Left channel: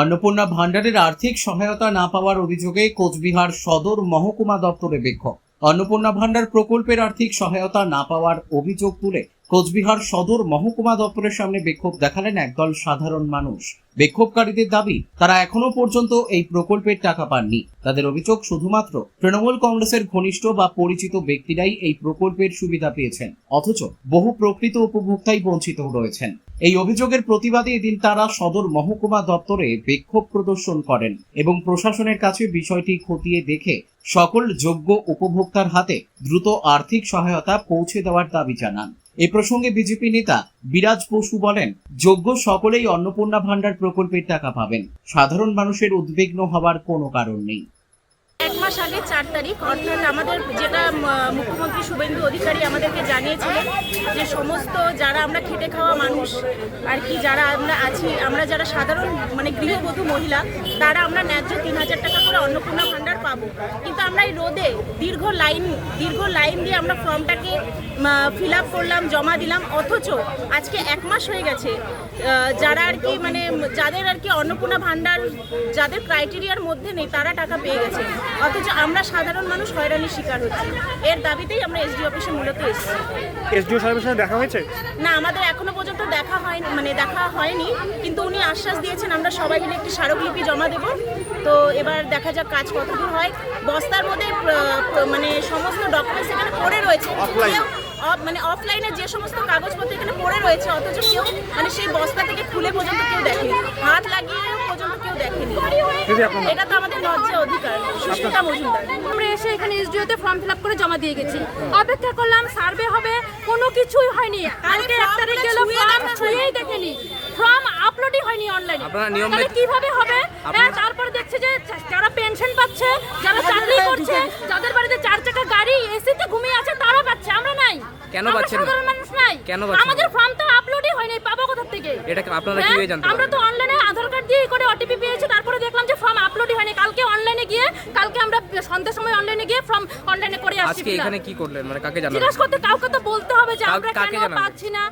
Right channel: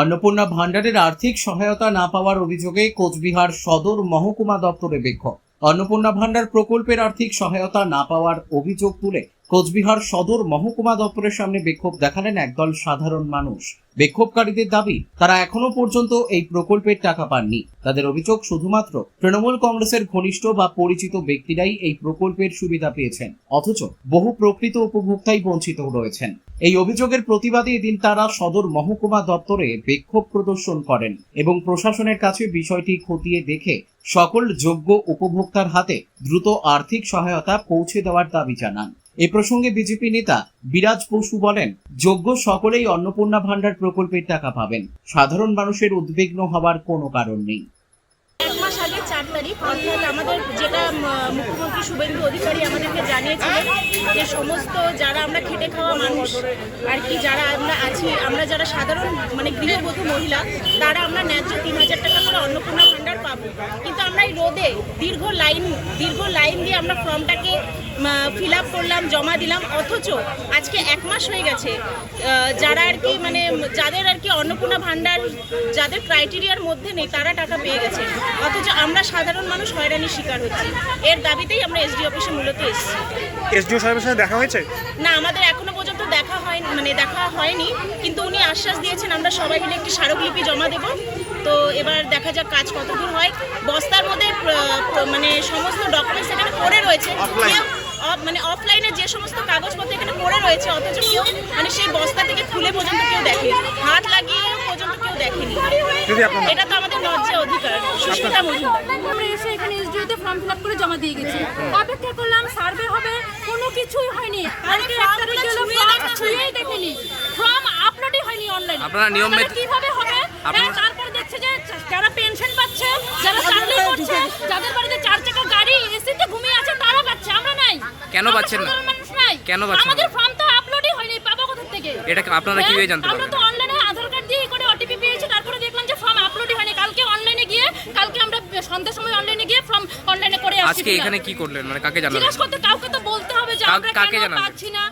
অন্নপূর্ণা ভান্ডারের আর্থিক সহায়তা না পাওয়ার অভিযোগে কোচবিহার সদর মহকুমা দপ্তরে বিক্ষোভ। অন্নপূর্ণা ভান্ডার প্রকল্পের আর্থিক সহায়তা না পাওয়ার অভিযোগ তুলে কোচবিহার সদর মহকুমা দপ্তরের সামনে বিক্ষোভ দেখালেন একদল সাধারণ মানুষ। বিক্ষোভকারীদের দাবি, তারা এখনো পর্যন্ত এই প্রকল্পের টাকা পাননি। তাদের অভিযোগ, শুধুমাত্র তৃণমূল কংগ্রেসের ঘনিষ্ঠ বা পরিচিত ব্যক্তিরাই এই প্রকল্পের সুবিধা পেয়েছেন, অথচ বহু প্রকৃত উপভোক্তাই বঞ্চিত রয়েছেন। এই অভিযোগের প্রতিবাদে এদিন তারা সদর মহকুমা দপ্তরে বিক্ষোভ প্রদর্শন করেন এবং প্রশাসনের কাছে বিষয়টি খতিয়ে দেখে সকল যোগ্য উপভোক্তার হাতে দ্রুত আর্থিক সহায়তা পৌঁছে দেওয়ার দাবি জানান। এ প্রসঙ্গে বিজেপি নেতা বিরাজ বসু বলেন, যোগ্য সকলেই অন্নপূর্ণা ভান্ডার প্রকল্পের টাকা পাবেন। সাধারণ মানুষের উদ্বিগ্ন হওয়ার কোনো কারণ নেই। এক মাস আগে 4 তারিখ অর্থাৎ আমাদের যেটা মুখ্যমন্ত্রী শুভেন্দু অধিকারী আমাদেরকে জানিয়েছিলেন যে সমস্ত যারা আমরা খেটে খাওয়া মানুষ আর কি, যারা আমরা আছি, আমরা যারা সাধারণ গৃহবধূ মহিলা, তারা আমরা ন্যায্য 3000 টাকা করে অন্নপূর্ণা ভান্ডার পাবো। কিন্তু আমরা এই রোদে দীর্ঘ লাইন দিয়ে আমরা ফর্মটাকে ফিল আপ করলাম, জমা দিলাম, অথচ আজকে 1 মাস হয়ে গেছে। যারা আর কি যাদের আর কি অন্নপূর্ণা ভান্ডার যাদের ক্রাইটেরিয়ার মধ্যে নেই, তারা টাকা পেয়ে গেছে, অথচ আমরা সাধারণ মানুষ হয়রানির শিকার হচ্ছি। এর দাবিতেই আমরা এসডি অফিসে মূলত এসেছি। এসডিও সাহেবের সাথে দেখা হয়েছে? না, আমাদের এখনো পর্যন্ত দেখা হয়নি, কিন্তু উনি আশ্বাস দিয়েছেন আমরা সবাই মিলে একটি স্মারকলিপি জমা দেব। তো এবার দেখা যাক কাজ কতদূর হয়। বস্তার মধ্যে সমস্ত ডকুমেন্টস এখানে পড়ে রয়েছে, অফলাইনে যে সমস্ত কাগজপত্র এখানে পড়ে রয়েছে, অথচ কেউ সেই বস্তা থেকে খুলে পর্যন্ত কেউ দেখেনি, হাত লাগিয়ে পর্যন্ত কেউ দেখেনি। এটা তো আমাদের ন্যায্য অধিকার। সুস্মিতা মজুমদার। আমরা এসে এখানে এসডিওতে ফর্ম ফিল আপ করে জমা দিয়ে গেছি। অপেক্ষা করলাম, সার্ভে হবে, কোনো কিছুই হয়নি। কালকে 1 তারিখ গেল, ফর্ম ছুঁয়েই দেখেনি, ফর্ম আপলোডই হয়নি অনলাইনে। আপনারা নিয়ম মেনে কিভাবে হবে? তারপরে দেখছে যে যারা পেনশন পাচ্ছে, যারা চাকরি করছে, যাদের বাড়িতে 4 চাকা গাড়ি, এসিতে ঘুমিয়ে আছে, তারা পাচ্ছে, আমরা নাই। কেন পাচ্ছেন না? মানুষ নাই। কেন পাচ্ছেন? আমাদের ফর্ম তো আপলোডই হয়নি, পাবো কোথা থেকে? এটা আপনারা কিভাবে জানতে আমরা পারবেন? তো অনলাইনে আধার কার্ড দিয়ে করে ওটিপি পেয়েছি, তারপরে দেখলাম যে ফর্ম আপলোডই হয়নি। কালকে আমরা সন্ধ্যার সময় অনলাইনে গিয়ে ফর্ম অনলাইনে করে আসছি। আজকে এখানে কি করলেন, কাকে জানালেন? জিজ্ঞাসা করতে কাউকে তো বলতে হবে যে আমরা কেন পাচ্ছি না।